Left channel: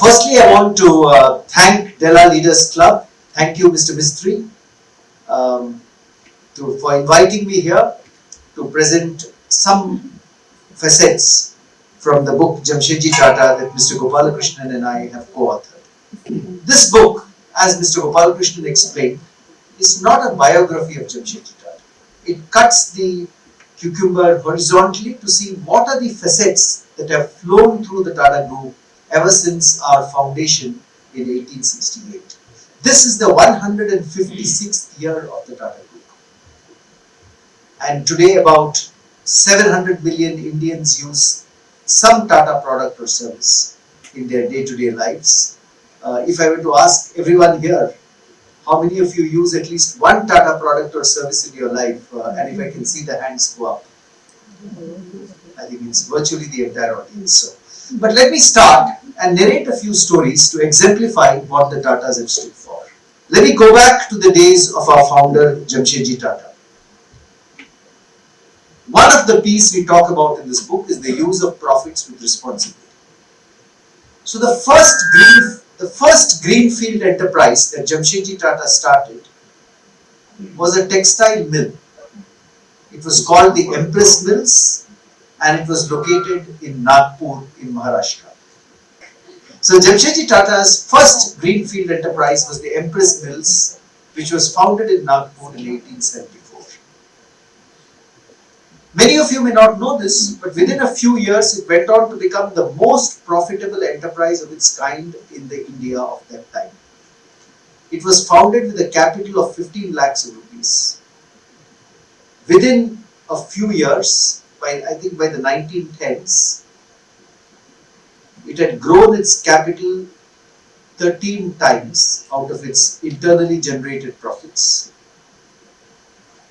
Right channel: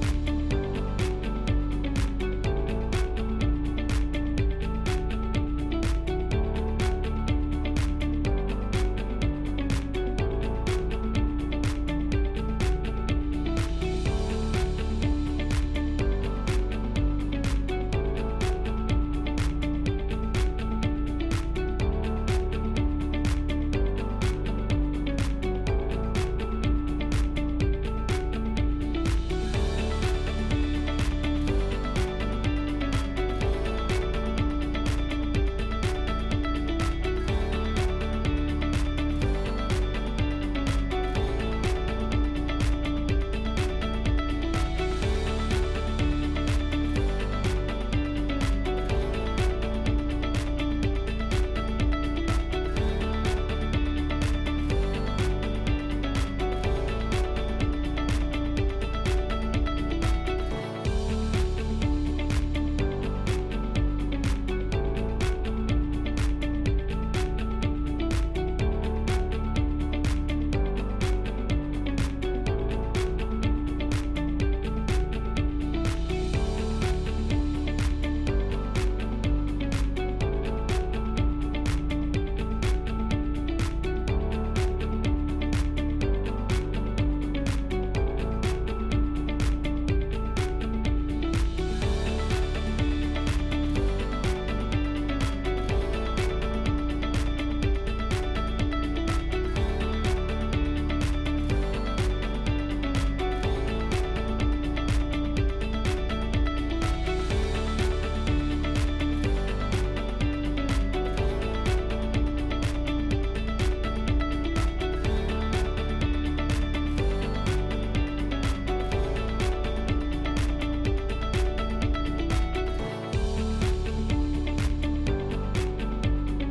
Firstly, I want to thank Della Leaders Club. Thank you, Mr. Mistry, for inviting me here to present some facets from the book Jamsetji Tata that Mr. Gopalakrishnan and I have co-authored. This book, as Mr. Gopalakrishnan explained, is not a biography of Jamsetji Tata. It cuts the cucumber horizontally to see what are the facets that have flown through the Tata Group ever since our foundation in 1868. This is the 156th year of the Tata Group. And today about 700 million Indians use some Tata product or service in their day-to-day lives. If I were to ask everyone here, how many of you use at least one Tata product or service in your life? And if I can see the hands go up, I think it's virtually the entire audience. But let me start and narrate a few stories to exemplify what the Tatas have stood for. Let me go back to the days of our founder, Jamsetji Tata. One of the P's we talk about in this book is the use of profits with responsibility. So the first greenfield enterprise that Jamsetji Tata started was a textile mill. It was called the Empress Mills and it was located in Nagpur in Maharashtra. So Jamsetji Tata's first greenfield enterprise was the Empress Mills, which was founded in Nagpur in 1874. Many of you may not know this, but within a few years it went on to become the most profitable enterprise of its kind in the India of that time. It was founded with a capital of 15 lakhs rupees. Within a few years, I think by the 1910s, it had grown its capital 13 times out of its internally generated profits.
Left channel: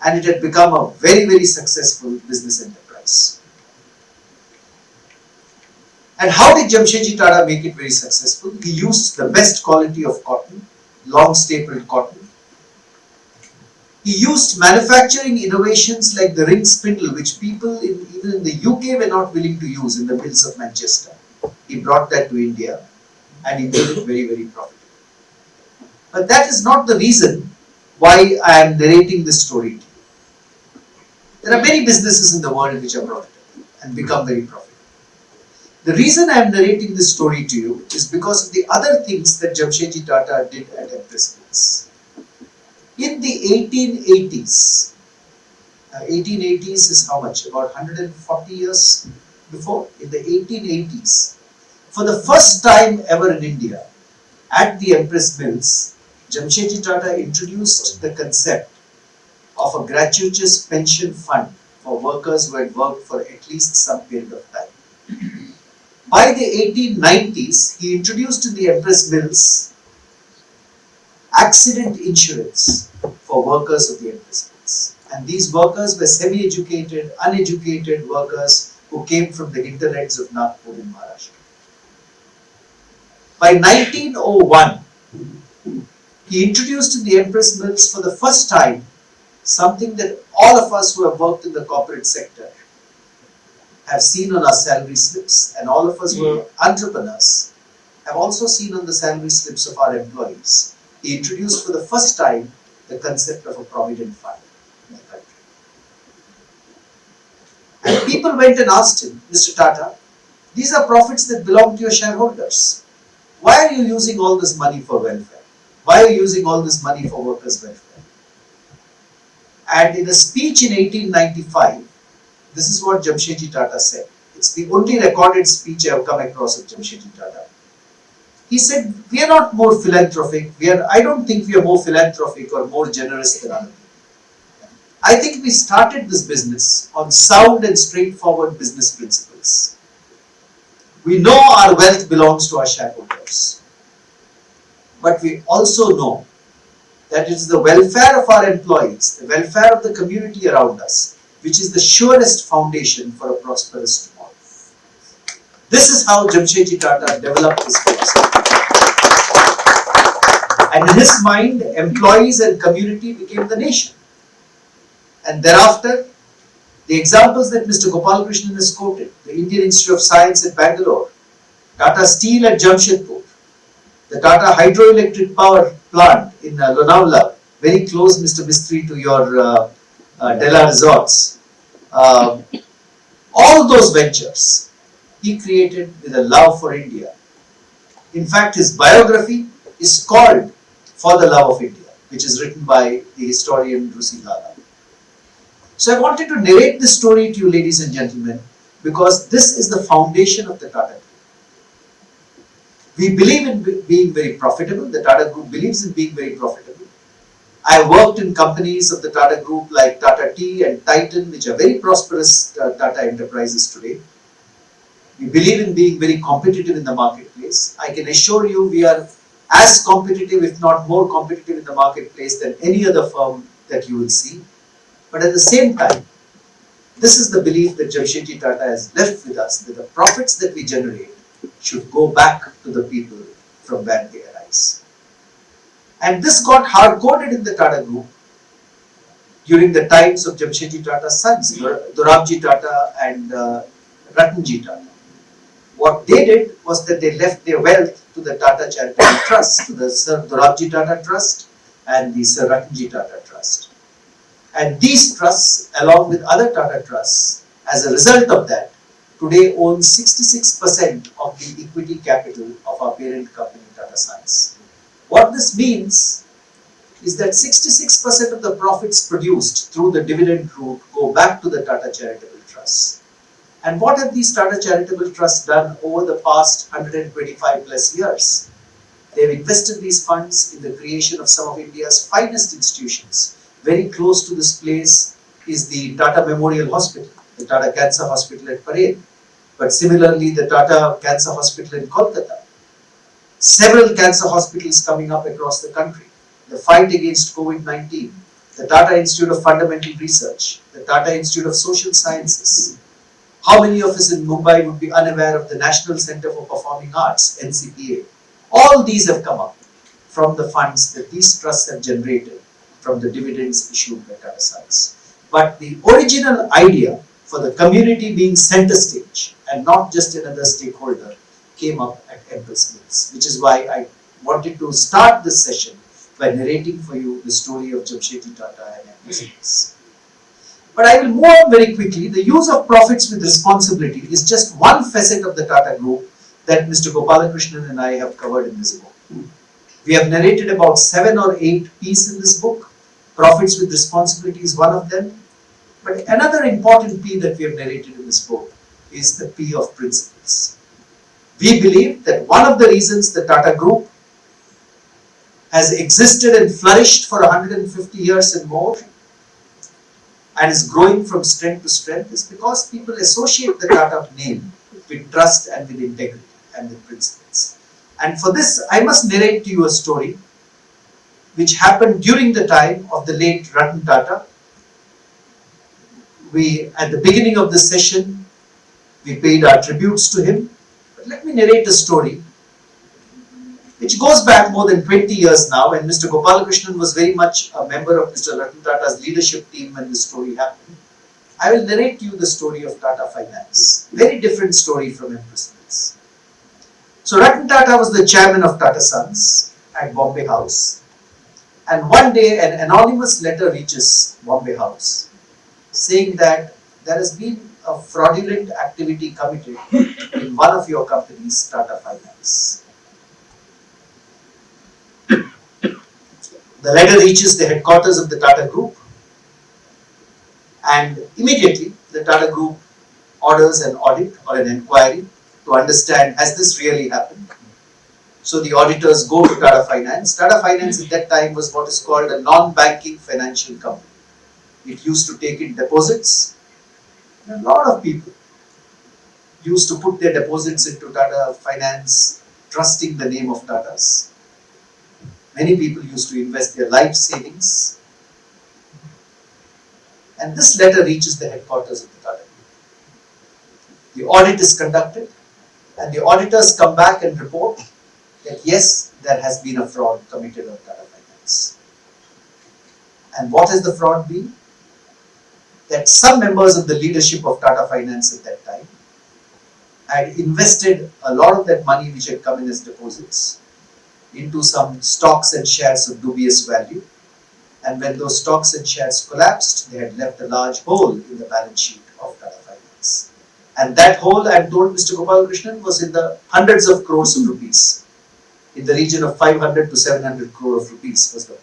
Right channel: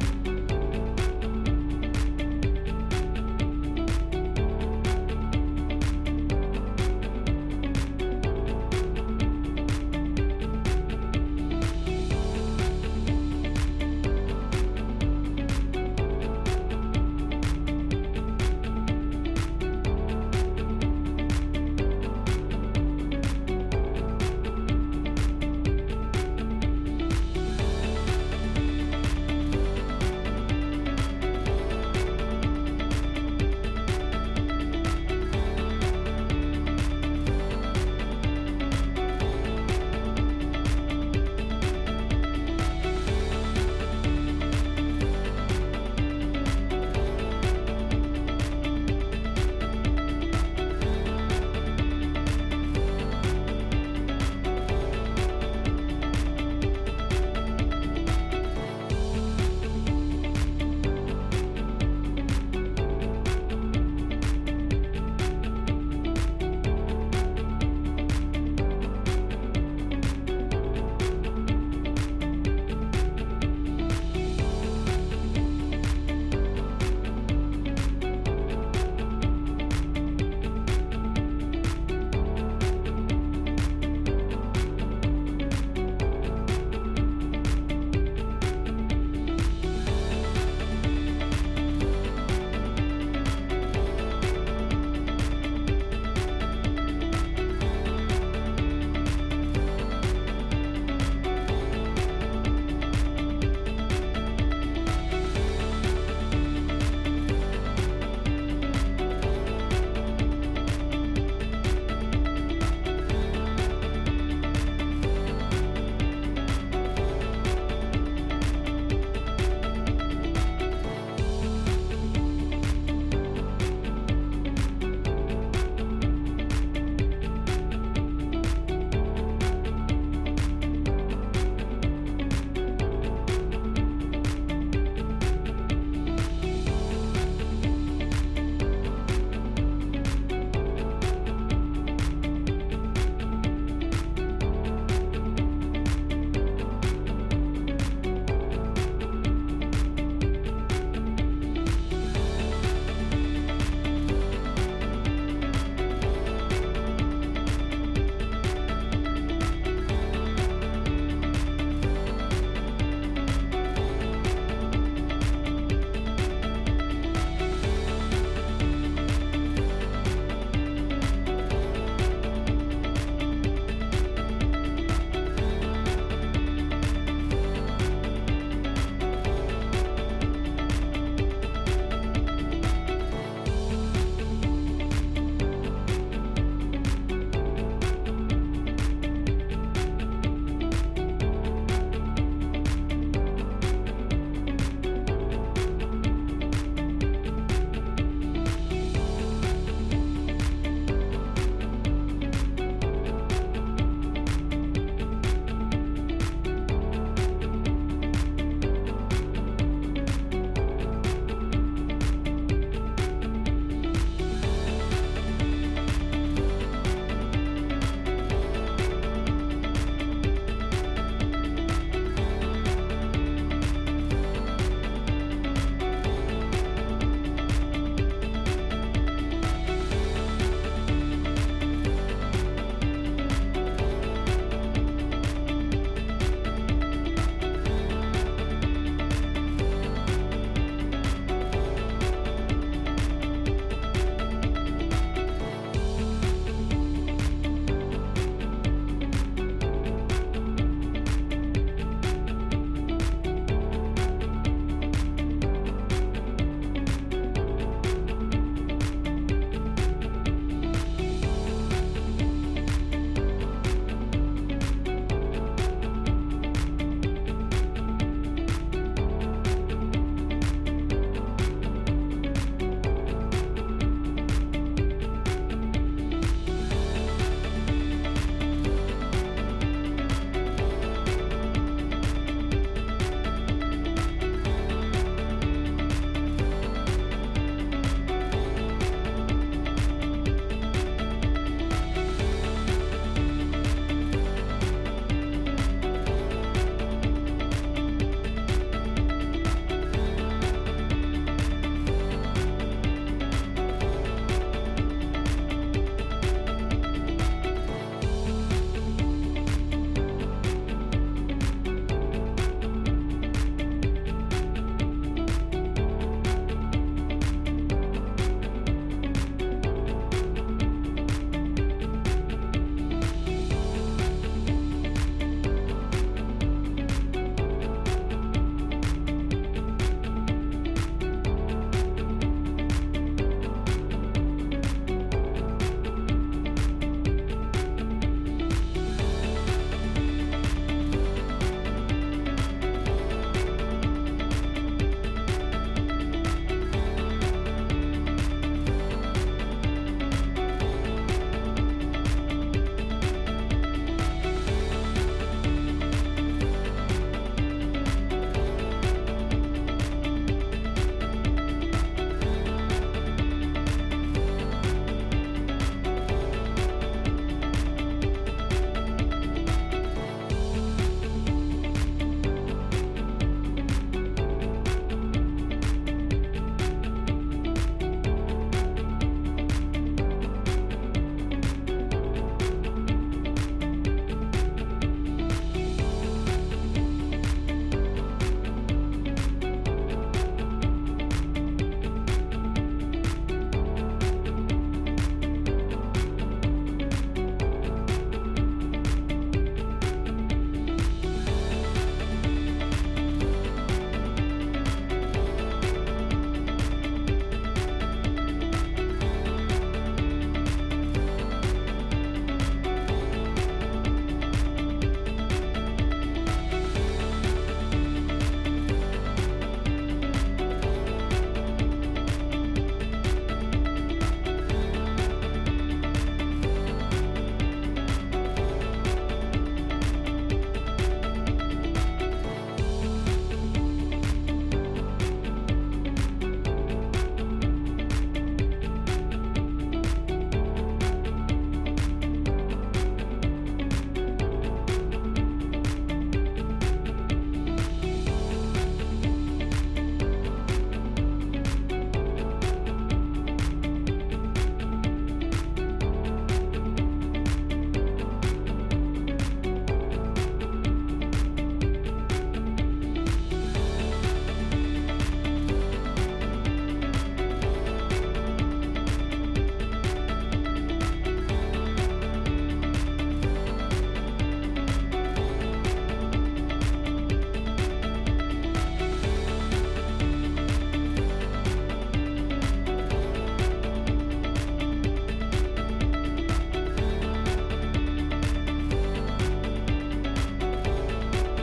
And it had become a very, very successful business enterprise. And how did Jamsetji Tata make it very successful? He used the best quality of cotton, long stapled cotton. He used manufacturing innovations like the ring spindle, which people even in the UK were not willing to use in the mills of Manchester. He brought that to India and he made it very, very profitable. But that is not the reason why I am narrating this story. There are many businesses in the world which are profitable and become very profitable. The reason I am narrating this story to you is because of the other things that Jamsetji Tata did at Empress Mills. In the 1880s, 1880s is how much? About 140 years before? In the 1880s, for the first time ever in India, at the Empress Mills, Jamsetji Tata introduced the concept of a gratuitous pension fund for workers who had worked for at least some period of time. By the 1890s, he introduced in the Empress Mills accident insurance for workers of the Empress Mills. And these workers were semi-educated, uneducated workers who came from the hinterlands of Nagpur in Maharashtra. By 1901, he introduced in the Empress Mills for the first time something that all of us who have worked in the corporate sector have seen on our salary slips, and all of us who are entrepreneurs have also seen on the salary slips of our employees. He introduced for the first time the concept of a provident fund. And people went and asked him, Mr. Tata, these are profits that belong to your shareholders. Why are you using all this money for welfare? Why are you using all this money for workers' welfare? And in a speech in 1895, this is what Jamsetji Tata said. It's the only recorded speech I have come across of Jamsetji Tata. He said, we are not more philanthropic. I don't think we are more philanthropic or more generous than others. I think we started this business on sound and straightforward business principles. We know our wealth belongs to our shareholders. But we also know that it's the welfare of our employees, the welfare of the community around us, which is the surest foundation for a prosperous tomorrow. This is how Jamsetji Tata developed his philosophy. And in his mind, employees and community became the nation. And thereafter, the examples that Mr. Gopalakrishnan has quoted, the Indian Institute of Science at Bangalore, Tata Steel at Jamshedpur, the Tata hydroelectric power plant in Lonavala, very close, Mr. Mistry, to your Della resorts. All those ventures he created with a love for India. In fact, his biography is called For the Love of India, which is written by the historian TATA. So I wanted to narrate this story to you, ladies and gentlemen, because this is the foundation of the Tata Group. We believe in being very profitable. The Tata Group believes in being very profitable. I worked in companies of the Tata Group like Tata Tea and Titan, which are very prosperous Tata enterprises today. We believe in being very competitive in the marketplace. I can assure you we are as competitive, if not more competitive in the marketplace than any other firm that you will see. But at the same time, this is the belief that Jamsetji Tata has left with us, that the profits that we generate should go back to the people from where they arise. And this got hard-coded in the Tata Group during the times of Jamsetji Tata's sons, Dorabji Tata and Ratanji Tata. What they did was that they left their wealth to the Tata Charitable Trust, to the Sir Dorabji Tata Trust and the Sir Ratanji Tata Trust. And these trusts, along with other Tata trusts, as a result of that, today own 66% of the equity capital of our parent company, Tata Sons. What this means is that 66% of the profits produced through the dividend route go back to the Tata Charitable Trust. And what have these Tata Charitable Trusts done over the past 125 plus years? They have invested these funds in the creation of some of India's finest institutions. Very close to this place is the Tata Memorial Hospital, the Tata Cancer Hospital at Parel, but similarly the Tata Cancer Hospital in Kolkata. Several cancer hospitals coming up across the country, the fight against COVID-19, the Tata Institute of Fundamental Research, the Tata Institute of Social Sciences. How many of us in Mumbai would be unaware of the National Centre for Performing Arts, NCPA? All these have come up from the funds that these trusts have generated from the dividends issued by Tata Sons. But the original idea for the community being center stage and not just another stakeholder came up at Empress Place, which is why I wanted to start this session by narrating for you the story of Jamsetji Tata and Empress Place. But I will move on very quickly. The use of profits with responsibility is just one facet of the Tata Group that Mr. Gopalakrishnan and I have covered in this book. We have narrated about 7 or 8 P's in this book. Profits with responsibility is one of them. But another important P that we have narrated in this book is the P of principles. We believe that one of the reasons the Tata Group has existed and flourished for 150 years and more and is growing from strength to strength is because people associate the Tata name with trust and with integrity and with principles. And for this, I must narrate to you a story which happened during the time of the late Ratan Tata. At the beginning of this session, we paid our tributes to him. But let me narrate a story which goes back more than 20 years now, and Mr. Gopalakrishnan was very much a member of Mr. Ratan Tata's leadership team when this story happened. I will narrate to you the story of Tata Finance. Very different story from Empress Place. So Ratan Tata was the chairman of Tata Sons at Bombay House, and one day an anonymous letter reaches Bombay House saying that there has been a fraudulent activity coming in one of your companies, Tata Finance. The letter reaches the headquarters of the Tata Group, and immediately the Tata Group orders an audit or an inquiry to understand, has this really happened? So the auditors go to Tata Finance. Tata Finance at that time was what is called a non-banking financial company. It used to take in deposits, and a lot of people used to put their deposits into Tata Finance, trusting the name of Tatas. Many people used to invest their life savings. And this letter reaches the headquarters of the Tata. The audit is conducted, and the auditors come back and report that yes, there has been a fraud committed on Tata Finance. And what has the fraud been? That some members of the leadership of Tata Finance at that time had invested a lot of that money which had come in as deposits into some stocks and shares of dubious value, and when those stocks and shares collapsed, they had left a large hole in the balance sheet of Tata Finance. And that hole, I am told, Mr. Gopalakrishnan, was in the hundreds of crores of rupees. In the region of 500 to 700 crore of rupees was the hole.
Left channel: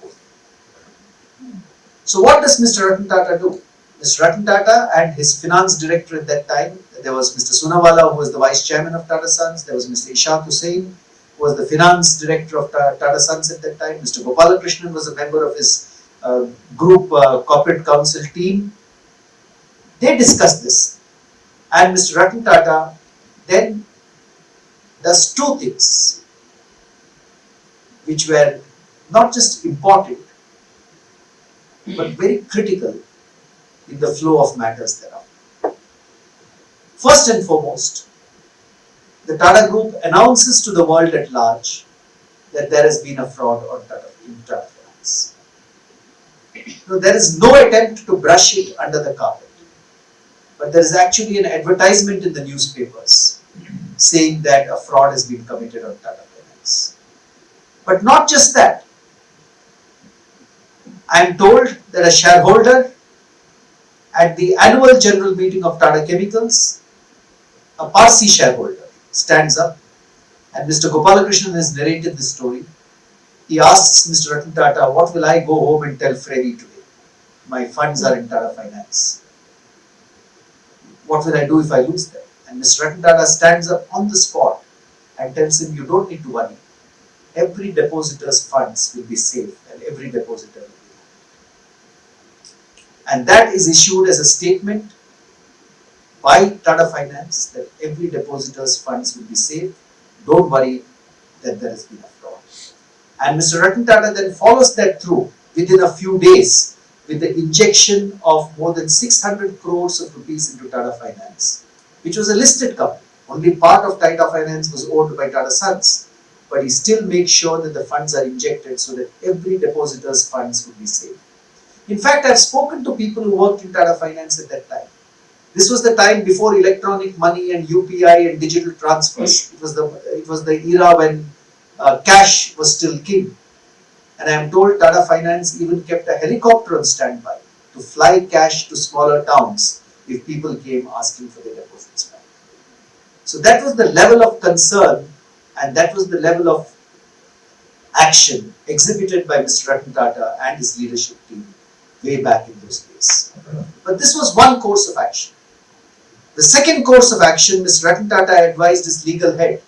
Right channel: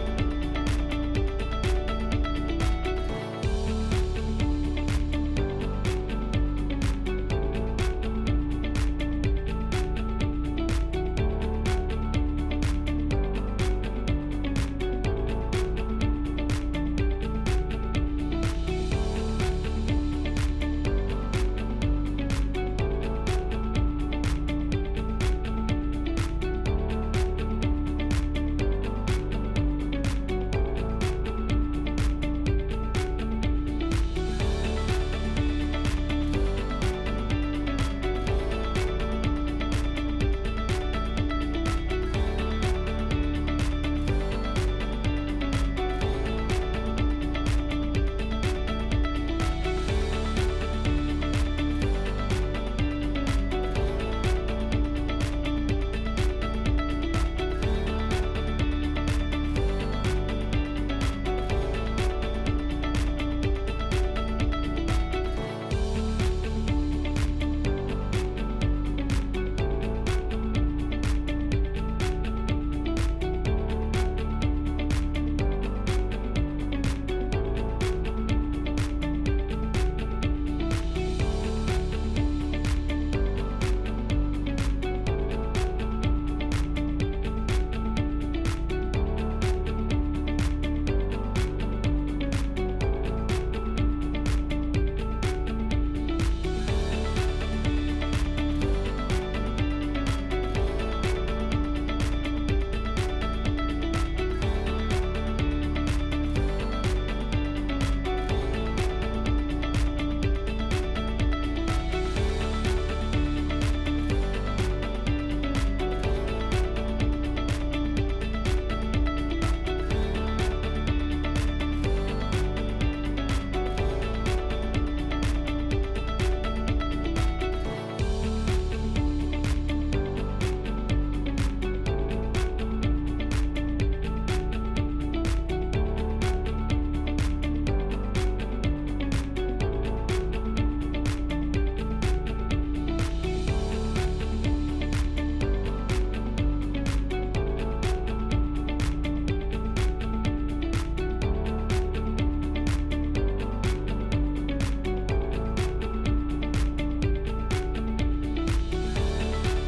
So what does Mr. Ratan Tata do? Mr. Ratan Tata and his finance director at that time, there was Mr. Soonawala, who was the vice chairman of Tata Sons, there was Mr. Ishant Hussain, who was the finance director of Tata Sons at that time, Mr. Gopalakrishnan was a member of his group corporate council team. They discussed this, and Mr. Ratan Tata then does two things which were not just important but very critical in the flow of matters thereon. First and foremost, the Tata Group announces to the world at large that there has been a fraud on Tata Finance. So there is no attempt to brush it under the carpet, but there is actually an advertisement in the newspapers saying that a fraud has been committed on Tata Finance. But not just that. I am told that a shareholder at the annual general meeting of Tata Chemicals, a Parsi shareholder, stands up, and Mr. Gopalakrishnan has narrated this story. He asks Mr. Ratan Tata, what will I go home and tell Freddy to do? My funds are in Tata Finance. What will I do if I lose them? And Mr. Ratan Tata stands up on the spot and tells him, you don't need to worry. Every depositor's funds will be safe, and every depositor. And that is issued as a statement by Tata Finance that every depositor's funds will be safe. Don't worry that there is no fraud. And Mr. Ratan Tata then follows that through within a few days with the injection of more than 600 crores of rupees into Tata Finance, which was a listed company. Only part of Tata Finance was owned by Tata Sons, but he still makes sure that the funds are injected so that every depositor's funds will be safe. In fact, I've spoken to people who worked in Tata Finance at that time. This was the time before electronic money and UPI and digital transfers. It was the era when cash was still king. And I am told Tata Finance even kept a helicopter on standby to fly cash to smaller towns if people came asking for their deposits. So that was the level of concern, and that was the level of action exhibited by Mr. Ratan Tata and his leadership team way back in those days. But this was one course of action. The second course of action, Mr. Ratan Tata advised his legal head,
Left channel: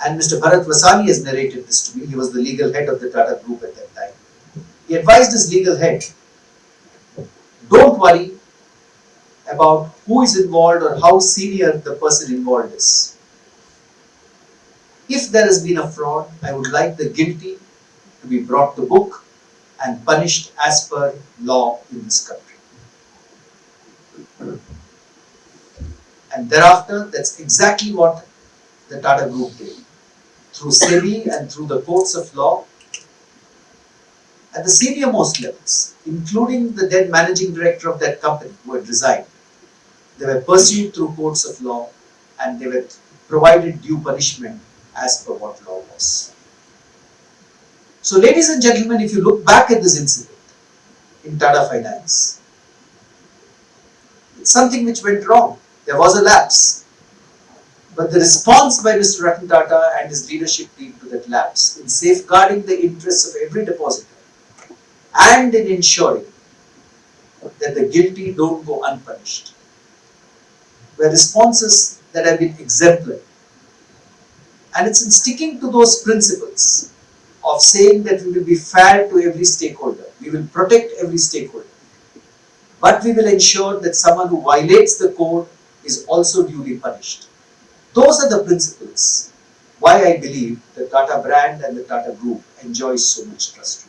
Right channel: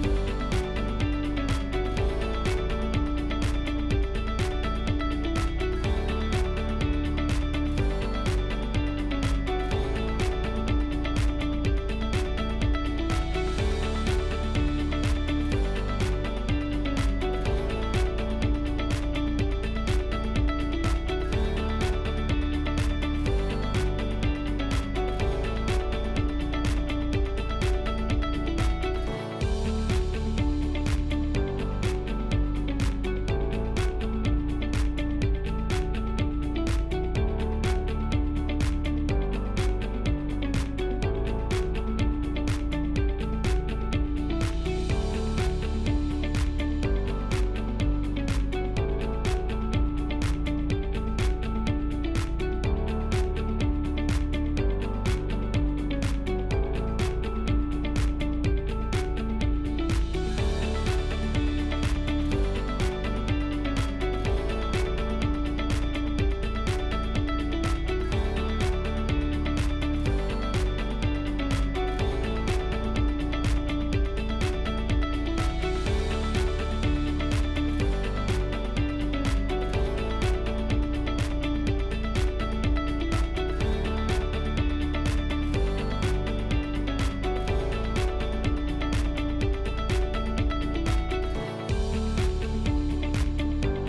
and Mr. Bhat has narrated this to me. He was the legal head of the Tata Group at that time. He advised his legal head, don't worry about who is involved or how senior the person involved is. If there has been a fraud, I would like the guilty to be brought to book and punished as per law in this country. And thereafter, that's exactly what the Tata Group did. Through SEBI and through the courts of law, at the senior most levels, including the then managing director of that company who had resigned, they were pursued through courts of law and they were provided due punishment as per what law was. So, ladies and gentlemen, if you look back at this incident in Tata Finance, it's something which went wrong. There was a lapse. But the response by Mr. Ratan Tata and his leadership team to that lapse in safeguarding the interests of every depositor and in ensuring that the guilty don't go unpunished were responses that have been exemplary. And it's in sticking to those principles of saying that we will be fair to every stakeholder, we will protect every stakeholder, but we will ensure that someone who violates the code is also duly punished. Those are the principles why I believe the Tata brand and the Tata Group enjoys so much trust.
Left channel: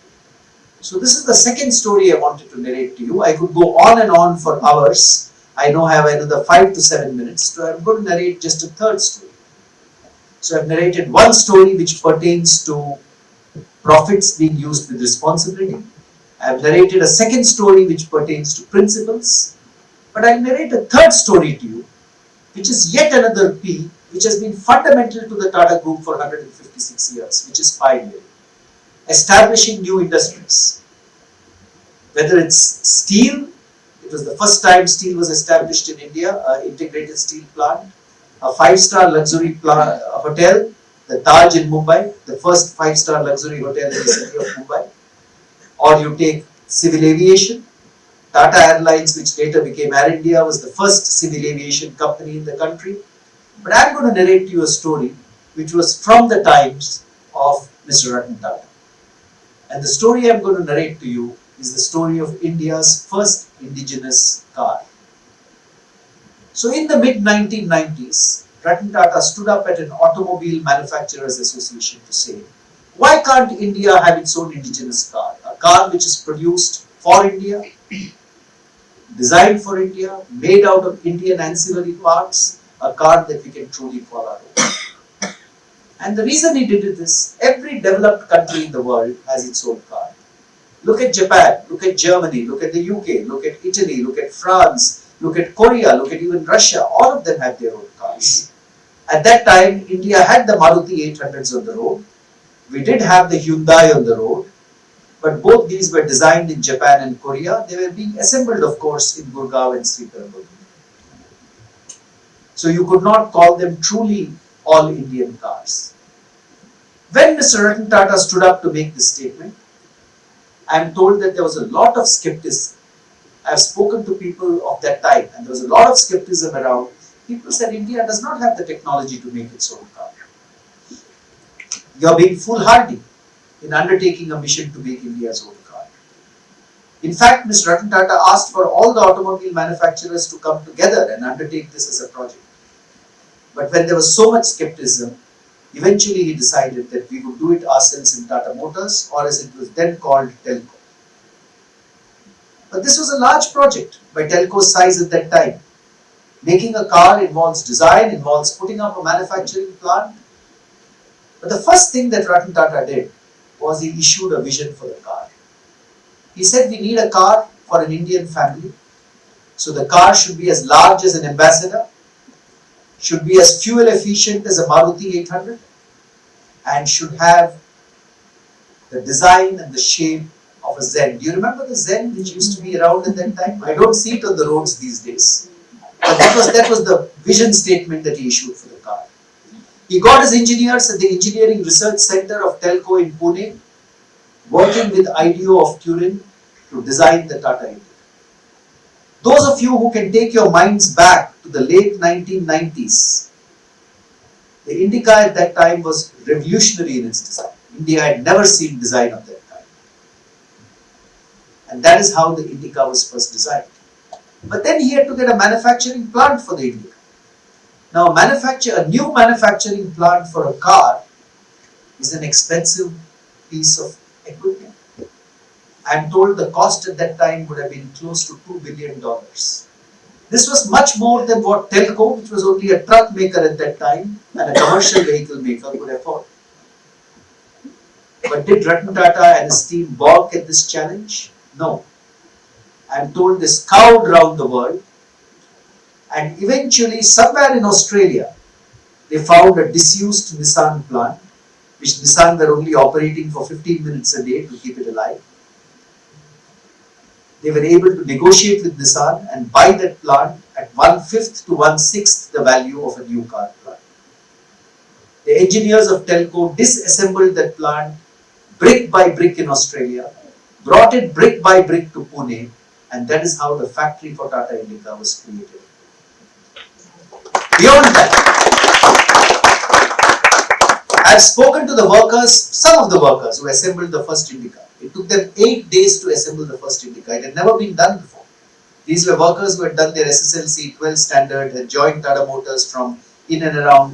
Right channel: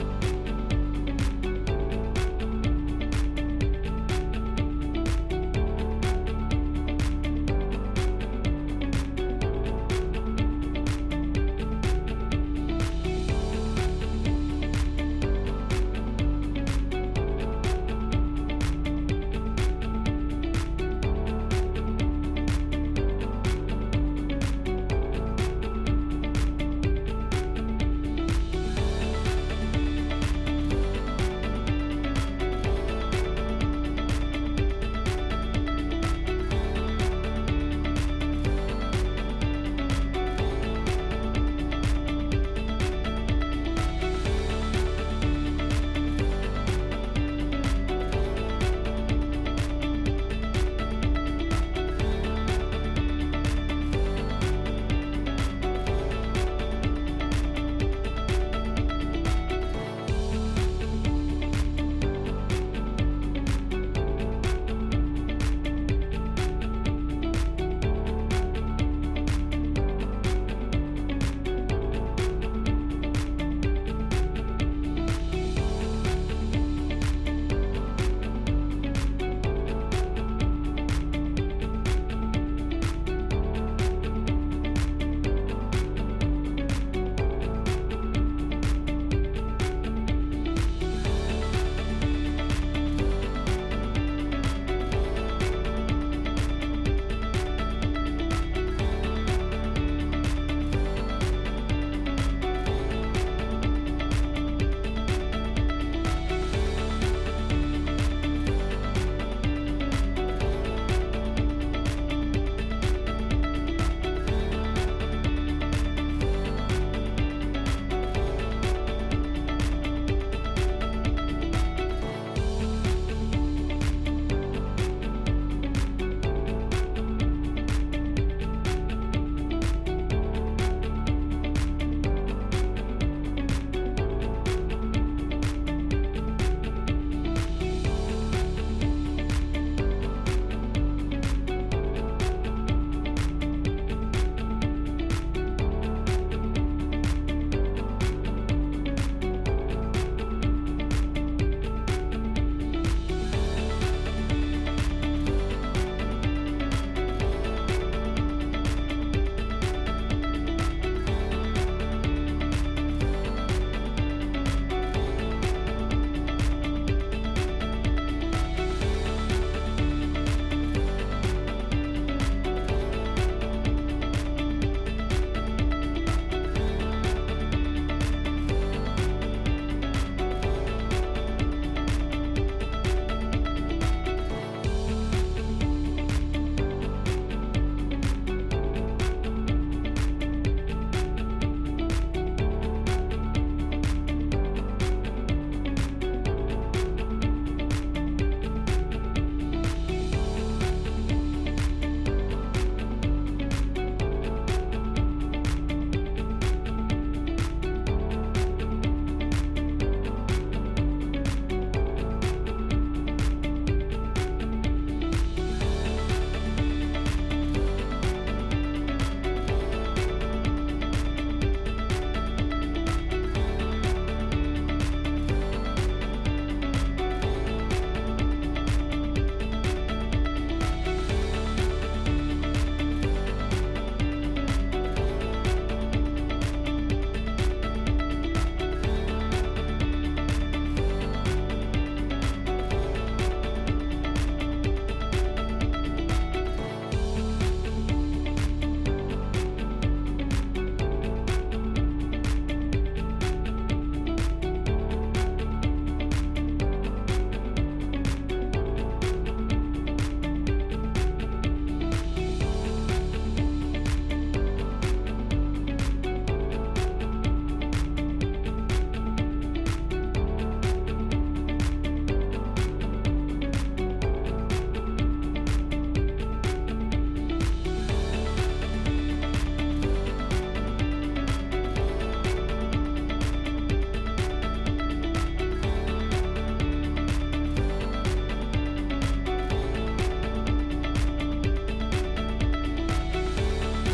So this is the second story I wanted to narrate to you. I could go on and on for hours. I know I have another 5 to 7 minutes, so I'm going to narrate just a third story. So I've narrated one story which pertains to profits being used with responsibility. I've narrated a second story which pertains to principles. But I'll narrate a third story to you, which is yet another P which has been fundamental to the Tata Group for 156 years, which is pioneering, establishing new industries. Whether it's steel, it was the first time steel was established in India, an integrated steel plant, a 5-star luxury hotel, the Taj in Mumbai, the first 5-star luxury hotel in the city of Mumbai. Or you take civil aviation, Tata Airlines, which later became Air India, was the first civil aviation company in the country. But I'm going to narrate you a story which was from the times of Mr. Ratan Tata. And the story I'm going to narrate to you is the story of India's first indigenous car. So in the mid-1990s, Ratan Tata stood up at an Automobile Manufacturers Association to say, why can't India have its own indigenous car? A car which is produced for India, designed for India, made out of Indian ancillary parts, a car that we can truly call our own. And the reason he did it is, every developed country in the world has its own car. Look at Japan, look at Germany, look at the UK, look at Italy, look at France, look at Korea, look at even Russia, all of them have their own cars. At that time, India had the Maruti 800s on the road. We did have the Hyundai on the road, but both these were designed in Japan and Korea. They were being assembled, of course, in Gurgaon and Srinagar. So you could not call them truly all Indian cars. When Mr. Ratan Tata stood up to make this statement, I am told that there was a lot of skepticism. I have spoken to people of that time, and there was a lot of skepticism around. People said India does not have the technology to make its own car. You are being foolhardy in undertaking a mission to make India's own car. In fact, Mr. Ratan Tata asked for all the automobile manufacturers to come together and undertake this as a project. But when there was so much skepticism, eventually he decided that we would do it ourselves in Tata Motors, or as it was then called, Telco. But this was a large project by Telco's size at that time. Making a car involves design, involves putting up a manufacturing plant. But the first thing that Ratan Tata did was he issued a vision for the car. He said we need a car for an Indian family. So the car should be as large as an Ambassador, should be as fuel efficient as a Maruti 800, and should have the design and the shape of a Zen. Do you remember the Zen which used to be around at that time? I don't see it on the roads these days. But that was the vision statement that he issued for the car. He got his engineers at the Engineering Research Center of Telco in Pune, working with IDEO of Turin to design the Tata. Those of you who can take your minds back to the late 1990s, the Indica at that time was revolutionary in its design. India had never seen design of that kind. And that is how the Indica was first designed. But then he had to get a manufacturing plant for the Indica. Now, a new manufacturing plant for a car is an expensive piece of equipment. I am told the cost at that time would have been close to $2 billion. This was much more than what Telco, which was only a truck maker at that time, and a commercial vehicle maker would afford. But did Ratan Tata and his team balk at this challenge? No. I am told they scoured around the world, and eventually somewhere in Australia they found a disused Nissan plant, which Nissan were only operating for 15 minutes a day to keep it alive. They were able to negotiate with Nissan and buy that plant at 1/5 to 1/6 the value of a new car plant. The engineers of Telco disassembled that plant brick by brick in Australia, brought it brick by brick to Pune, and that is how the factory for Tata Indica was created. Beyond that, I have spoken to the workers, some of the workers who assembled the first Indica. It took them 8 days to assemble the first Indica. It had never been done before. These were workers who had done their SSLC 12 standard and joined Tata Motors from in and around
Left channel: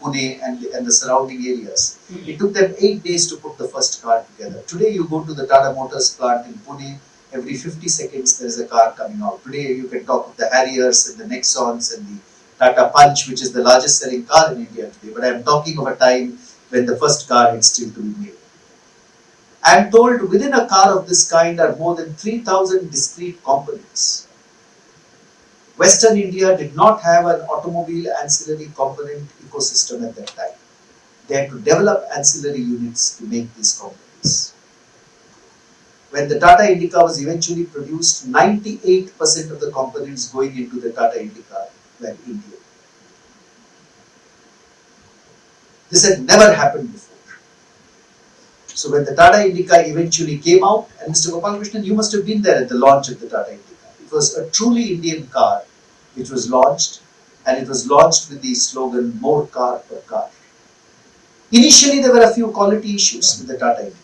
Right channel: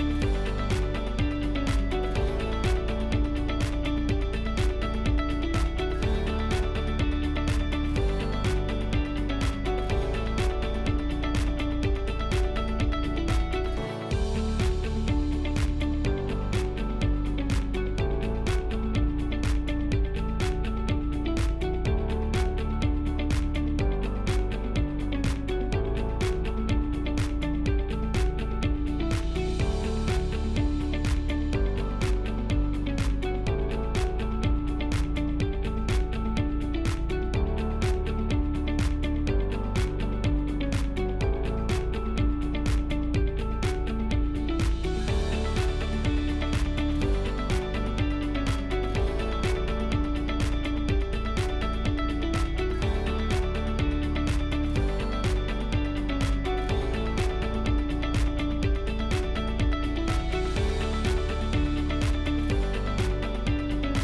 Pune and the surrounding areas. It took them 8 days to put the first car together. Today you go to the Tata Motors plant in Pune, every 50 seconds there is a car coming out. Today you can talk to the Harriers and the Nexons and the Tata Punch, which is the largest selling car in India today. But I am talking of a time when the first car had still to be made. I am told within a car of this kind are more than 3,000 discrete components. Western India did not have an automobile ancillary component ecosystem at that time. They had to develop ancillary units to make these components. When the Tata Indica was eventually produced, 98% of the components going into the Tata Indica were Indian. This had never happened before. So when the Tata Indica eventually came out, and Mr. Gopalakrishnan, you must have been there at the launch of the Tata Indica. It was a truly Indian car which was launched, and it was launched with the slogan, "More car per car." Initially, there were a few quality issues with the Tata Indica.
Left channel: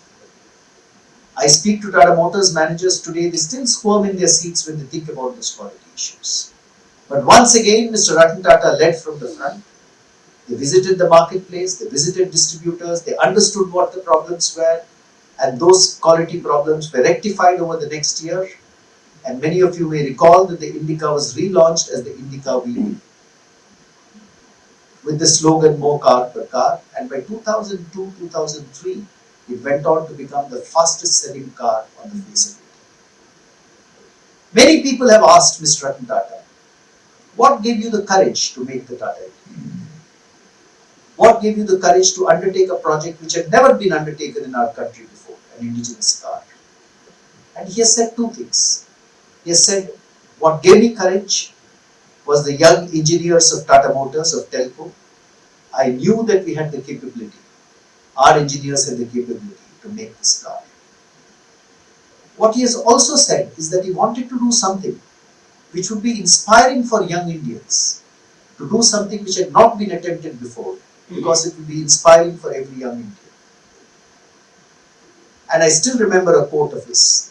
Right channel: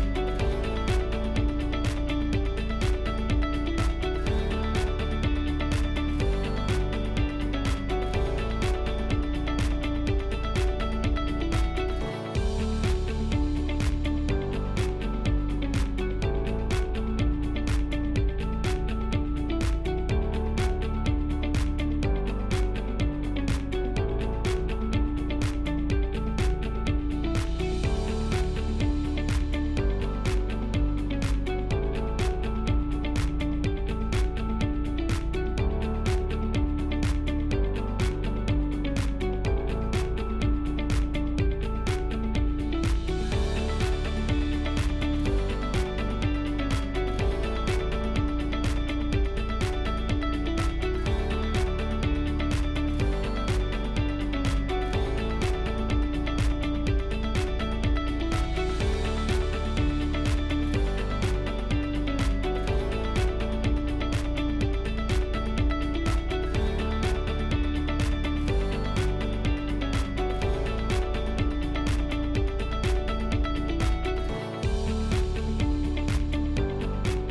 I speak to Tata Motors managers today, they still squirm in their seats when they think about these quality issues. But once again, Mr. Ratan Tata led from the front. They visited the marketplace, they visited distributors, they understood what the problems were, and those quality problems were rectified over the next year. And many of you may recall that the Indica was relaunched as the Indica V with the slogan "More car per car," and by 2002-2003, it went on to become the fastest selling car on the face of it. Many people have asked Mr. Ratan Tata, what gave you the courage to make the Tata Indica? What gave you the courage to undertake a project which had never been undertaken in our country before, the indigenous car? And he has said two things. He has said, what gave me courage was the young engineers of Tata Motors, of Telco. I knew that we had the capability. Our engineers had the capability to make this car. What he has also said is that he wanted to do something which would be inspiring for young Indians, to do something which had not been attempted before, because it would be inspiring for every young Indian. And I still remember a quote of his,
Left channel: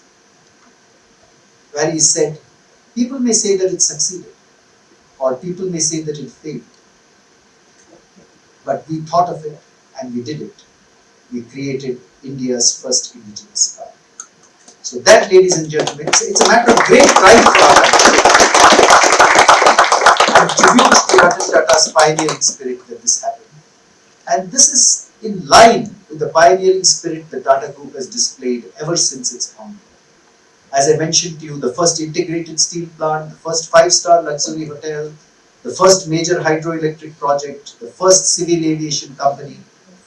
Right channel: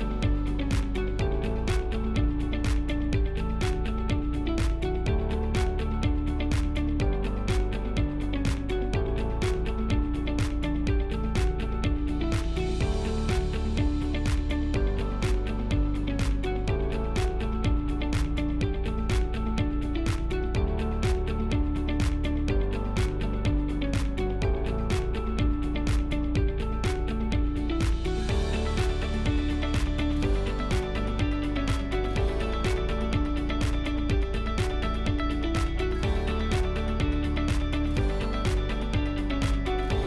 where he said, people may say that it succeeded, or people may say that it failed, but we thought of it and we did it. We created India's first indigenous car. So that, ladies and gentlemen, it's a matter of great pride for our country, and tribute to Ratan Tata's pioneering spirit that this happened. And this is in line with the pioneering spirit that Tata Group has displayed ever since its founding. As I mentioned to you, the first integrated steel plant, the first 5-star luxury hotel, the first major hydroelectric project, the first civil aviation company,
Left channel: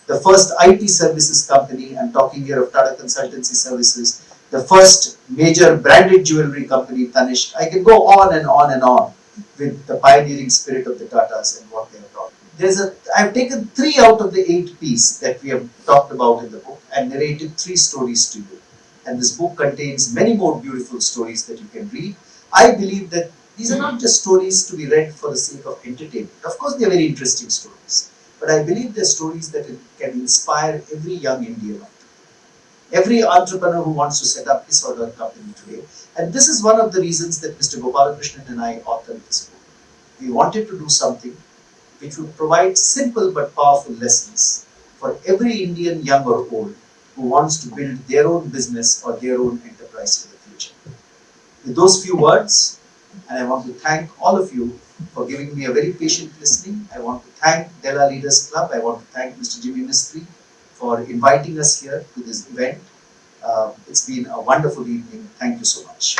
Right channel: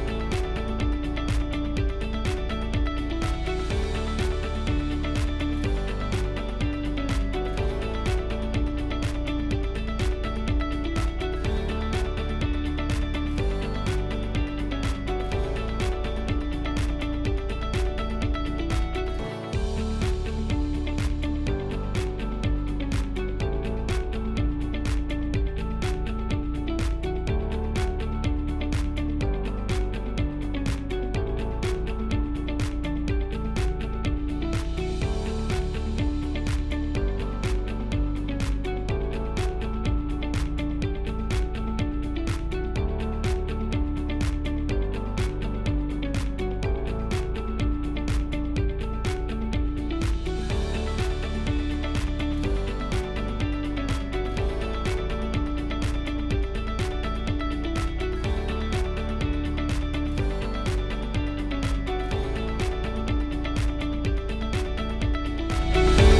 the first IT services company, I'm talking here of Tata Consultancy Services, the first major branded jewelry company, Tanishq. I can go on and on and on with the pioneering spirit of the Tatas and what they have done. I've taken 3 out of the 8 P's that we have talked about in the book and narrated 3 stories to you. And this book contains many more beautiful stories that you can read. I believe that these are not just stories to be read for the sake of entertainment. Of course, they're very interesting stories, but I believe they're stories that can inspire every young Indian, every entrepreneur who wants to set up his or her company today. And this is one of the reasons that Mr. Gopalakrishnan and I authored this book. We wanted to do something which would provide simple but powerful lessons for every Indian, young or old, who wants to build their own business or their own enterprise in the future. With those few words, and I want to thank all of you for giving me a very patient listening. I want to thank Della Leaders Club. I want to thank Mr. Jimmy Mistry for inviting us here to this event. It's been a wonderful evening. Thank you so much.